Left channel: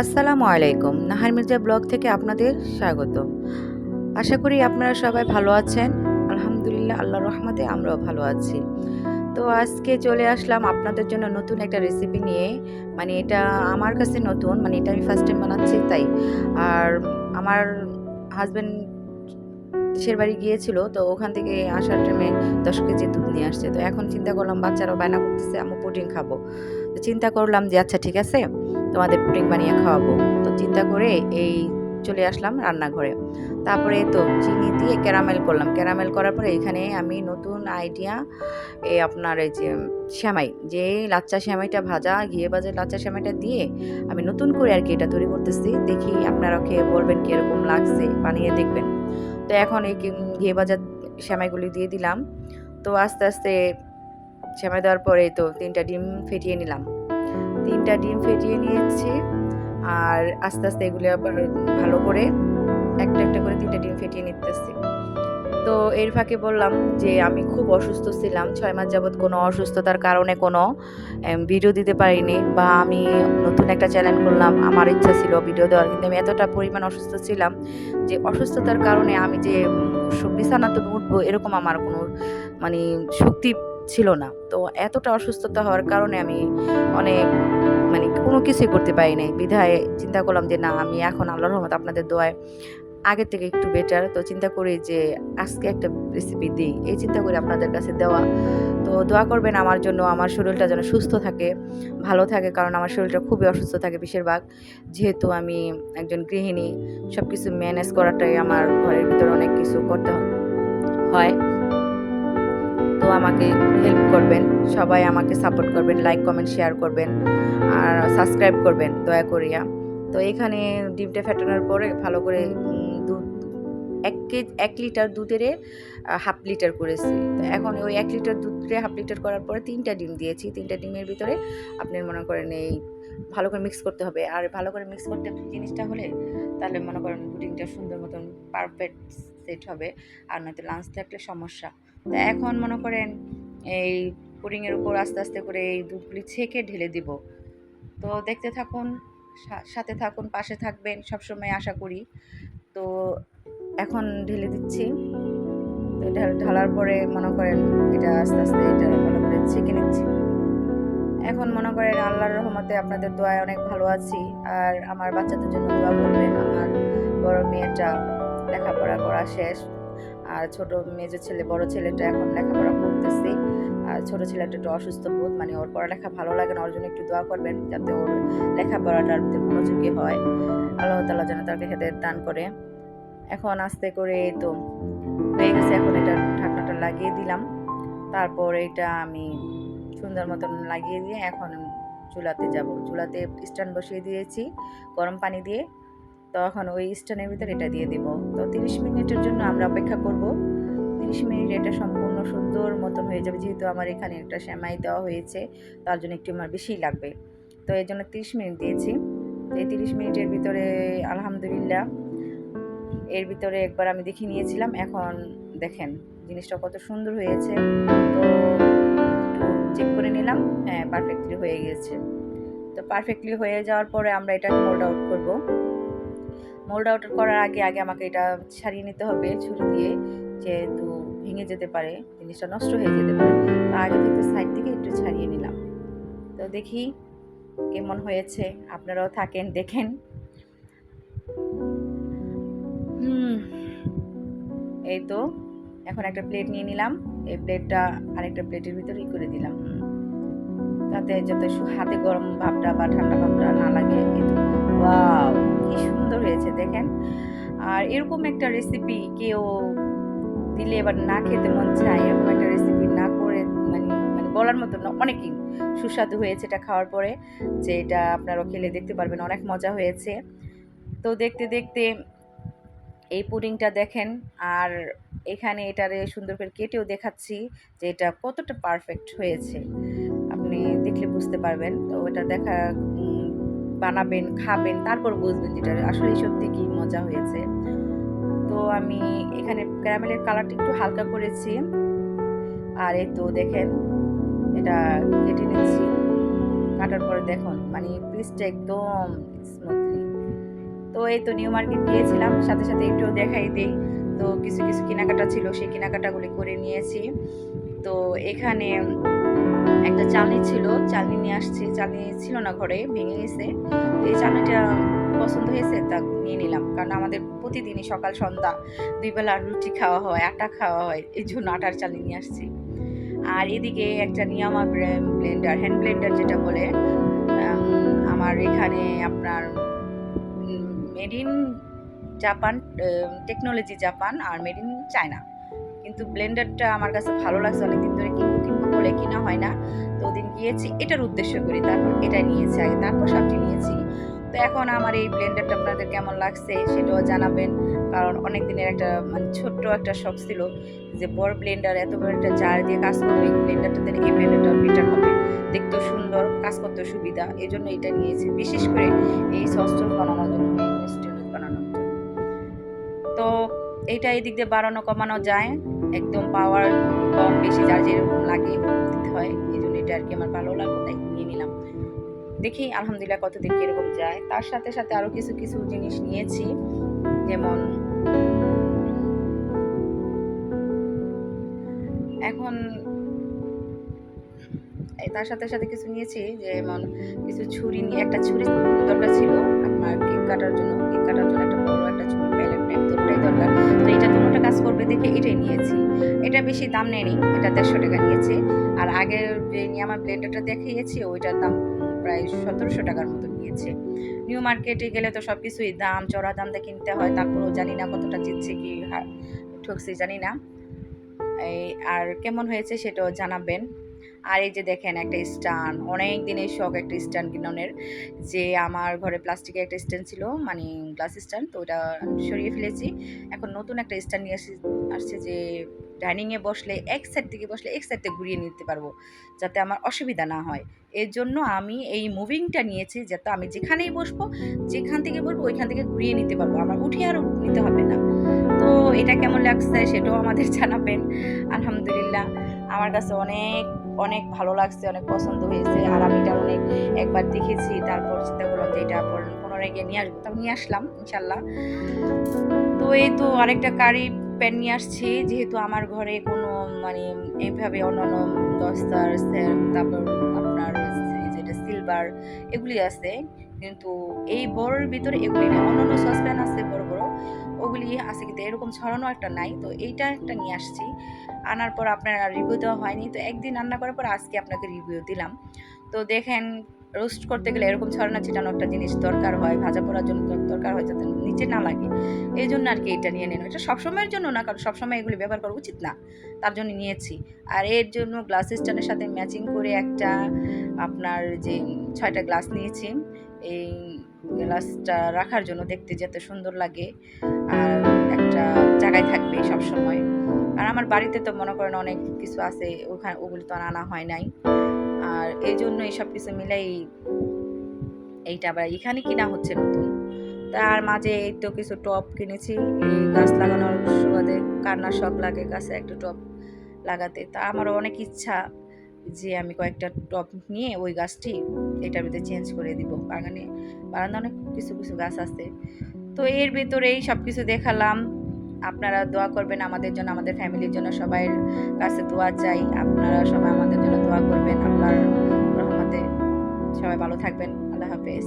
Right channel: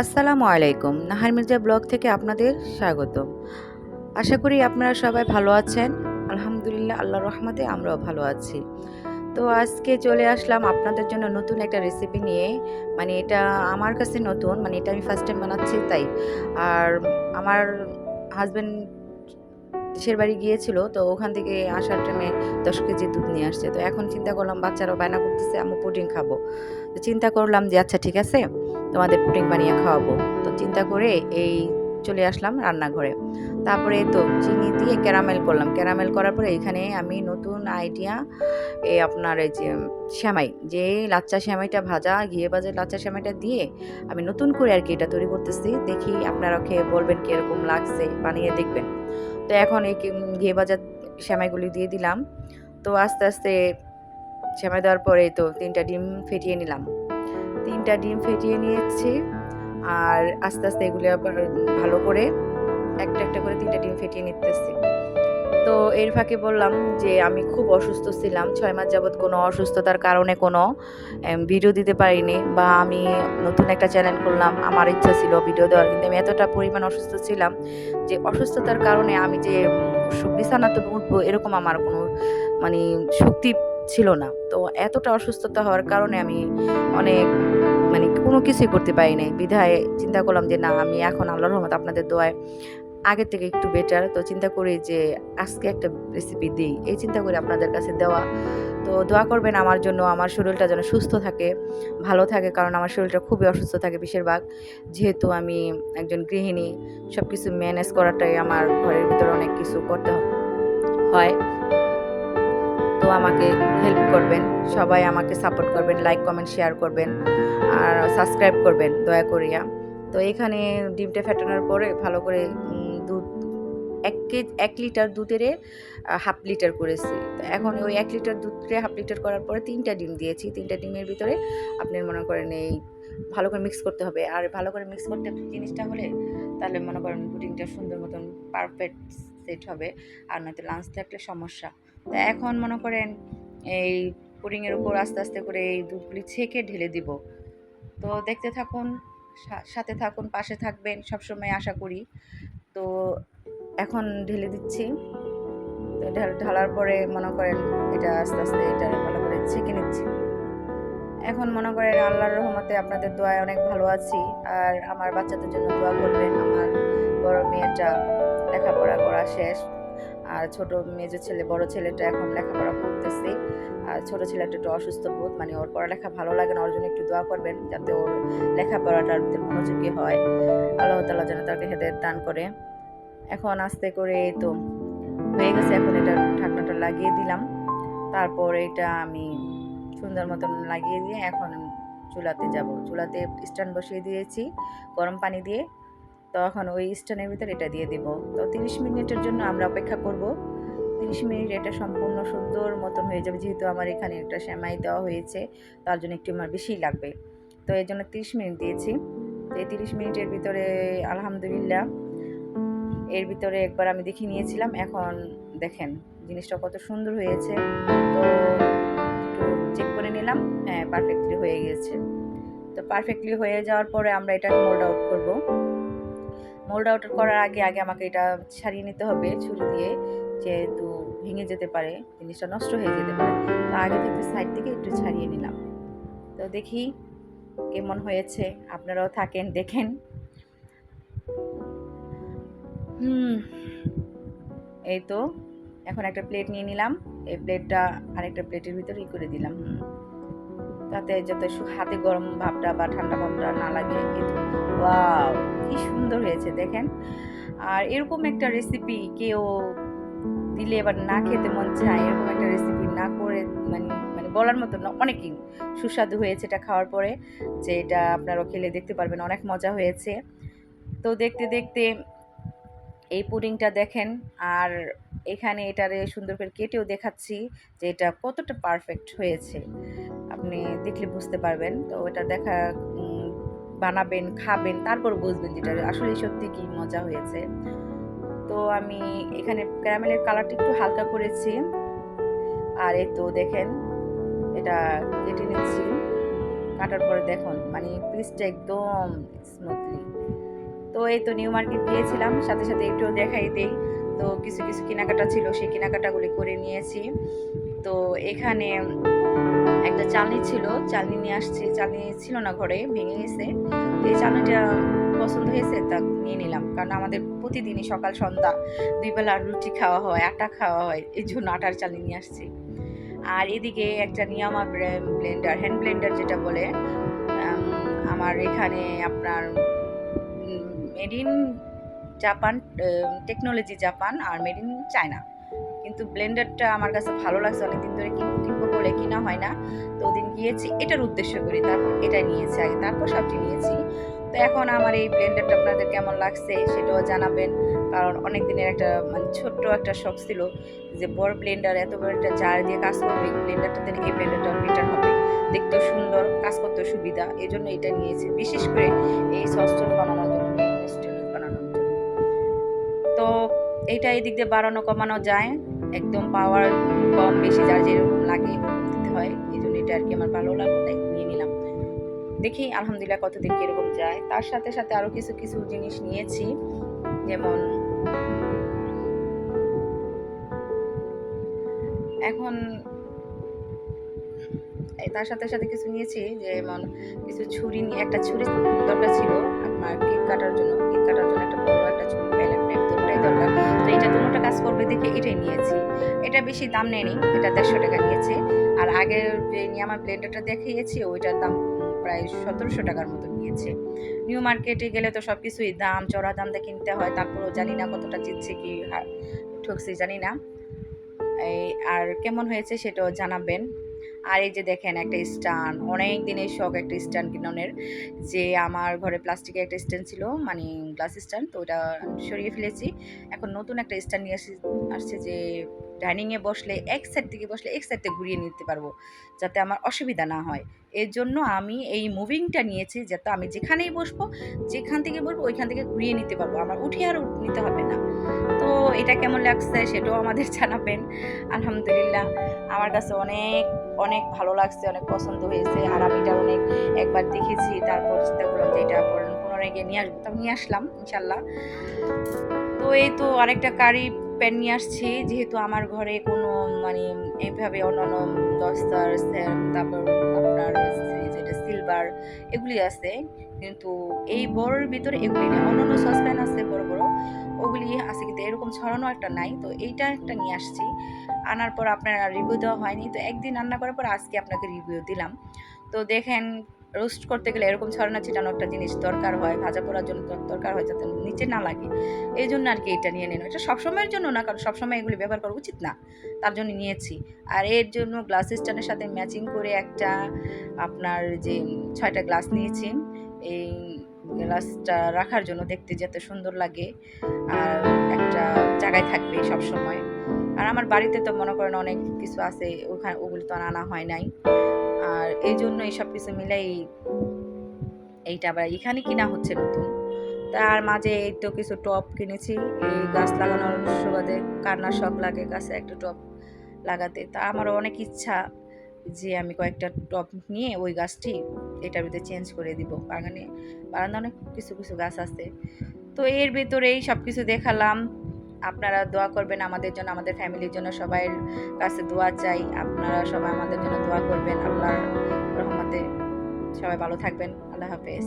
আসসালামু আলাইকুম। নাহার মির্জা ব্লগ থেকে আপনাদের স্বাগতম। আশা করি আপনারা সবাই ভালো আছেন। আলহামদুলিল্লাহ আল্লাহর রহমতে আমরাও ভালো আছি। তো আজকে চলে আসলাম আপনাদের জন্য নতুন একটা রেসিপি নিয়ে। মানে এটা আমার কাছে নতুন, মানে এটা আমি ফার্স্ট টাইম বানাচ্ছি তাই। আর আমার হাসব্যান্ড দেশের বাড়ি গিয়েছিল, তো ওখান থেকে আসার টাইমে 10 কেজি দুধ নিয়ে আসছে। তো এখন চিন্তা করলাম বাচ্চারাও বায়না করতেছে আম্মু পুডিং খাবো। তো চিন্তা করলাম যে আচ্ছা ঠিক আছে, তোমাদের পুডিং বানিয়ে খাওয়াবো। তো চিন্তা করে এই চলে আসলাম রান্নাঘরে। তারপরে এই তো চিনি দিয়ে ক্যারামেল করলাম। ক্যারামেল করার পরে এখানে আমি নতুন আইডিয়া আপনার এই যে সেমাই, যে লাচ্চা সেমাইটা ভাজা, ঘিয়ে ভাজা লাচ্চা সেমাইটা দিয়ে আমি নতুন করে আরকি এটা তৈরি করতেছি। দেখি আপনারা খেয়ে বলবেন কিরকম লাগছে, বানিয়ে দেখবেন। তো এখন এই ঘিয়ে ভাজা সেমাইগুলি দিয়ে দিলাম। তো আস্তে, আস্তে সেমাই দেওয়ার পরে তো ৩ টা ডিম ফেটিয়ে নিলাম। ৩ টা ডিম ফেটিয়ে নিয়েছি। আর আস্তে, আস্তে এগুলো আবার ভালো করে একটা, একটা করে ৩ টা ডিম ফেটিয়ে নিতেছি। তো এর ফাঁকে বললাম যে আমি খুব অসুস্থ ছিলাম। ৬ মাস যাবৎ কোনো অসুস্থতার কারণে কোনো ভিডিও দিতে পারিনি, বা আমি নতুন একটা চ্যানেল খুললাম। আমার ইচ্ছা ছিল ভিডিও দেওয়ার। কিন্তু আমি এতটা পরিমাণ অসুস্থ ছিলাম যে অসুস্থতার কারণে আমি যে বিছানাতে উঠবো এরকম আমার কোনো মানে শক্তি ছিল না। তো এতটা অসুস্থতা হওয়ার কারণে আমি অনেক মানে কোনো কিছুই করতে পারি নাই। বিধায় চিন্তা করলাম যে না, আমি এখন আল্লাহর রহমতে আপনাদের দোয়ায় আগের থেকে একটু বেটার। তো চিন্তা করি যে আজকে একটা রেসিপি দিই। এই চিন্তা করে আপনাদের কাছে দেওয়া। তো দোয়া করবেন আমার জন্য, আমার শরীরটা যেন সুস্থ থাকে, ভালো থাকে। কারণ আমার শরীরটা খুবই অসুস্থ থাকে বেশিরভাগ। যেহেতু আমি একজন গৃহিণী, সবকিছু ম্যানেজ করাটাই আমার ঘরের ভিতরে অনেক কিছু করতে হয়। তো আমাকে হেল্প করবেন। সবাই আমাকে সাপোর্ট করবেন। লাইক, কমেন্ট, শেয়ার করবেন। আর সাবস্ক্রাইব করবেন দয়া করিয়া। তো এখানে ডিমটা ফেটানোর পরে ভালো করে দুধ ১ লিটার দুধেরে 1/2 লিটার করেছি। তো এখন ওই ১ লিটার দুধকে 1/2 লিটার করার পরে ৩ টা ডিম দিয়েছি। ৩ টা ডিমের ভিতরে আপনি মনে করেন এই ভালো করে মিক্স করতে হবে। আর ভালো করে মিক্স করতে জিনিসটা হলে তাহলে মনে করেন পুডিংটা সুন্দর মতন পারফেক্ট সেট হবে। আর নয়তো লাঞ্চ থাকলে সমস্যা। তো এখন মনে করেন এই পুডিংয়ের উপর আস্তে, আস্তে করে এই দুধগুলি ছেঁকে ঢেলে দিব। তো দেখতে থাকুন, সাথে থাকুন, পাশে থাকবেন সবসময় আশা করি। তো এখন ঢেলে দিচ্ছি। তো ঢালার পরে মনে করেন এটা আস্তে, আস্তে এটা ভালো করে ছেঁকে নিচ্ছি। এখন মনে করেন আল্লাহর রহমতে আপনাদের দোয়ায় অনেক ভালো আছি। আর আমার বাচ্চাদের জন্য দোয়া করবেন। আমার বড় মেয়েটা লেখাপড়া করা শেষ। আর ছোট মেজো ছেলে, বড় ছেলেটা এখন লেখাপড়া করতেছে। আর ছোট ছেলেটা একটু অসুস্থ বোধ, মানে ওর পড়ালেখা ভালো লাগে না। ওর জন্য একটু দোয়া করবেন যাতে ওর লেখাপড়াটার প্রতি মনোযোগী হয়। আল্লাহ তাআলা যেন তাকে হেদায়েত দান করে। এখন আস্তে করে এই তো হয়ে গেছে। এখন এটা ঢাকনাটা লাগিয়ে দিলাম। তারপর এটা আমি সুন্দর মতন লাগিয়ে দিয়ে এখন চুলাতে যাব। চুলাতে স্ট্যান্ড বসিয়ে দিয়েছি গরম পানি দিয়ে। তো এখন ওই স্ট্যান্ডের ভিতর এটা দিয়ে দিব। তো ৩০ মিনিটের জন্য আমরা অপেক্ষা করব। ৩০ মিনিট এটা সম্পূর্ণ সুন্দর মতন হয়ে যাবে। যেহেতু আমার এখানে একটা সেমাই দেওয়া হয়েছে, তার জন্য একটু আমার বেশিই লাগবে। তো এর জন্য ৩০ মিনিট দিয়েছি। তো এই ৩০ মিনিটের ভিতরে আলহামদুলিল্লাহ এর ভিতরে একবার আমি দেখে নিয়েছিলাম। এখন দেখেন জিনিসটা কত সুন্দর হয়েছে। তো একটু চেক করে নিলাম। হ্যাঁ, পারফেক্টলি হয়ে গিয়েছে। তো পারফেক্টলি হয়ে যাওয়ার পরে আমরা এটাকে মোল্ড আউট করব। মোল্ড আউট করার আগে আমাকে এটা ছাড়িয়ে নিতে হবে ছুরি দিয়ে। যেহেতু ভেঙে যেতে পারে, জিনিসটা নষ্ট হয়ে যেতে পারে। তো আগে থেকে সাইড থেকে একটু ছাড়িয়ে নিলাম। তো দেখি কেমন হয়েছে। আপনারাও থাকেন, দেখেন। হুম, এই তো এখন একটা প্লেট নিয়ে নিলাম। এই প্লেটটা আরেকটা প্লেটের ভিতরে করে দিলাম। তাতে যাতে হাতে গরম ভাবটা বা ঠান্ডা ভাবটা না লাগে। এই তো ওয়াও! কি সুন্দর হয়েছে দেখেন। আর এরকম একটা রেসিপি কেউ দিলে এবার না খেতে মন চায়, এরকম একটা রেসিপি না করে মানে মানে বলার মতো না, অনেকই সুস্বাদু হয়েছে এটা খাওয়ার পরে। যে এটা আপনারাও খেলে দেখতে পারবেন, অনেক মজা হয়েছে। তো দেখতে, দেখতে এই পুডিংটা দেখেন। আর এখানে এটারে সুন্দর করে কেটেও দেখাচ্ছি যে এটা কতটা পারফেক্ট হয়েছে। আপনি দেখলে বুঝতে পারবেন। তো এটা দেখা উম বানাবেন, খাবেন, তারপর বুঝবেন যে এটা আসলেই সত্যি কি মজা হয়েছে। তো আমি এখানে ক্যারামেলের কালারটা একটু হালকা করেছি। আর এই তো দেখেন এটা কেটে নিচ্ছি। কাটার পরে দেখুন মানে পিসটা একদম স্মুথলি। তো এই তো নিউ মার্কেট গিয়েছিলাম, সাথে সাথে একটু দেখাই দেই। তো কিছু কিছু কেনাকাটা ছিল, সেই কেনাকাটাগুলি করে নিয়েছি। তো এখানে একটা চালনি ছিল, চালনি নিয়ে আসছি। চালনি ছিল না ঘরে, ভেঙে গেছে। তো এই চালনিটা পছন্দ হয়েছে, তা নিয়ে নিলাম। কারণ আমাদের প্রতিদিনই সকাল সন্ধ্যা ২ বেলা রুটি খাওয়া হয়, আটা খাওয়া হয়। এজন্য আটার চালনি নিয়ে আসছি। আর এদিকে একটা নিয়ামা ব্লেন্ডার, হ্যান্ড ব্লেন্ডার যেটা বলে, আমার এখানে আপনার made in Japan, technology Japan আর মেড ইন চায়না। কিন্তু ব্লেন্ডারটা আমার কাছে ভালো লাগছে, অনেকদিন ধরে কিনবো কিনবো বলে কিনা হয় না। তো ওদিন গিয়েছি এটার উদ্দেশ্য করি, তারপর এটা নিয়েছি আগে, তারপর সবজি নিয়েছি। তো এখন আমার এই ব্লেন্ডারটা আপনাদের কেমন লাগছে সেটাও জানাবেন। কারণ অনেক দিনের একটা মানে ছোট্ট একটা শখ ছিল যে বড় ব্লেন্ডার, এত বড় একটা জার দিয়ে কাজ করবো, এই ব্লেন্ডারটাতে এই ব্লেন্ডারটা বেটার হবে, দেখতেও সুন্দর, কাজ করতে সুবিধা, এই জন্য এটা নিয়েছি বিশেষ করে এই সস টস বানানোর জন্য, বানানোর জন্য। তো এইটা এই দিক দিয়ে বাড়ানো কমানো যায়, একদম পাওয়ার কম বেশি যার যেরকম লাগে ওরকম দিতে হয়। এই জন্য এটা আর কি আমার ভালো লাগলো, তাই নিয়ে নিলাম। দেখি আলহামদুলিল্লাহ কতদিন কিরকম যায়। তার সাথে সাথে আরো কিছু কিছু জিনিস নিয়েছি, যেমন এখন তার সাথে সাথে কিছু নিয়েছি, যেমন কিছু ছুরি নিয়ে, একটা ছুরি দরকার ছিল আপনার কেক কাটার জন্য, কেক কাটার জন্য একটা বড় একটা ছুরি, প্যালেট টাইপ দুটোটাই দরকার। তো এটা দুটোটা কাজ করবে দেখে এটাই নিয়েছি। এটা বেশি দাম নেয়নি, এটা ১৫০ টাকা নিয়েছে। আর আগের যে নিয়ামা ব্লেন্ডারটা দেখিয়েছি ওইটার দাম প্রায় ১৭০০ টাকার মতো নিয়েছে। নিউ মার্কেটে গেলে তো সব কিছুই দাম, চড়া দাম দিয়ে কিনতে হয়, তারপরেও জানি না কতটা জিতছে কি ঠকছি জানি না। এই আর কেমন হয়েছে সেটাও জানাবেন। আর এই যে দেখেন একটা স্ট্যান্ড, অনেক দিনের শখ একটা স্ট্যান্ড কিনানোর। যে আমার ঘরে প্লাস্টিকের একটা স্ট্যান্ড ছিল, মানে গ্লাস স্ট্যান্ড, তো ওটা সরিয়ে ফেলেছি। এখন নতুন একটা স্ট্যান্ড নিয়ে আসছে যে ডাইনিংয়ে বসলে এক সাইড থেকে বসলে এক সাইড থেকে ঘুরিয়ে নিতে পারবো, যাতে আমার অসুবিধা না হয়। এর জন্য আমি এই মুভিংটা নিয়েছি, যাতে আমি যেখানেই বসবো, যেখান থেকে বসবো ওইখান থেকে ঘুরিয়ে নিতে পারবো, আমার উঠে আর নিতে হবে না। তো এটা কেমন লাগছে সেটাও আমাদের জানাবেন। আলহামদুলিল্লাহ আমার কাছে অনেক অনেক ভালো লাগছে, অনেক পছন্দ হয়েছে। আর আমি এটা অনেক একবার দেখেছি, তারপর চিন্তা করলাম যে এটা পুনরায় গিয়ে নিয়ে আসবো, তারপর নিয়ে আসলাম ইনশাল্লাহ। তো এই তো আরেকটা কারি প্যান নিয়ে আসছি, যেহেতু আমার ঘরে কোনো মানে এইভাবে অন্যান্য দস্তার তারপর আপনার যেটা সিলভার এগুলি আছে, কিন্তু এই বড়োর ভিতরে এগুলি নেই। অন্যান্য সসপ্যান আছে বড় বড়, ওগুলি আছে, কিন্তু এরকম ছড়ানো একটা নাই। তো এইটা একটা নিয়ে আসছি, আনার পর আপনার রিভিউ দেওয়া হয়নি, তো একদিন রান্না করার পর আজকে আপনাকে রিভিউ দিলাম। তো দেখেন রোস্ট করতে গেলে এরকম ছড়ানো ছিটানো একটা জিনিস দরকার হয়, ভাজা পোড়ার জন্য দরকার হয়, যাতে নিচে না লাগে। এই জন্য আর কি এটা নিয়ে নিলাম। এটা সবসময়ের জন্য না, কারণ সবসময় এগুলি ব্যবহার করা উচিত না, তার জন্য নিয়েছি। আর এর জন্য গ্লাস স্ট্যান্ডের সাথে ম্যাচিং করে একটা আপনার যে ৬টা গ্লাস নিয়েছি, এই গ্লাসটা রাখার জন্য, দেখতে যাতে সুন্দর লাগে আর একটা জায়গায় থাকবে সব সময়। আর আমার বাড়িতে তো মনে করেন অনেক কিছু আছে, ওখানে ওগুলি তো আর আনা হয় নাই। আর এই জন্য এইসব কিছু মিলাই এইটা আবার এখানে কিনা হচ্ছে নতুন। তার মাঝে এই তো কিছু টব কিনেছি, এই গাছ লাগানোর সুবাদে, কান্নার শখ লাগে গাছে একটা টব লাগাতে। তা আমারও অনেক ইচ্ছা যে আমি কয়েকটা টব নিয়ে ওই গাছটি এটার ভিতরে চেঞ্জ করে দিব। বাগানে অনেক কিছু কিছু গাছ আছে। তো এর ভেতরেই সব কিছু দেখালাম। আপনারা দোয়া করবেন আমাদের জন্য, আমাদের ফ্যামিলির জন্য, সবাইয়ের কাছে দোয়া চাই। আপনারা সবাই আমাদের জন্য দোয়া করবেন। আল্লাহর রহমতে সবাই ভালো থাকবেন। আল্লাহ হাফেজ।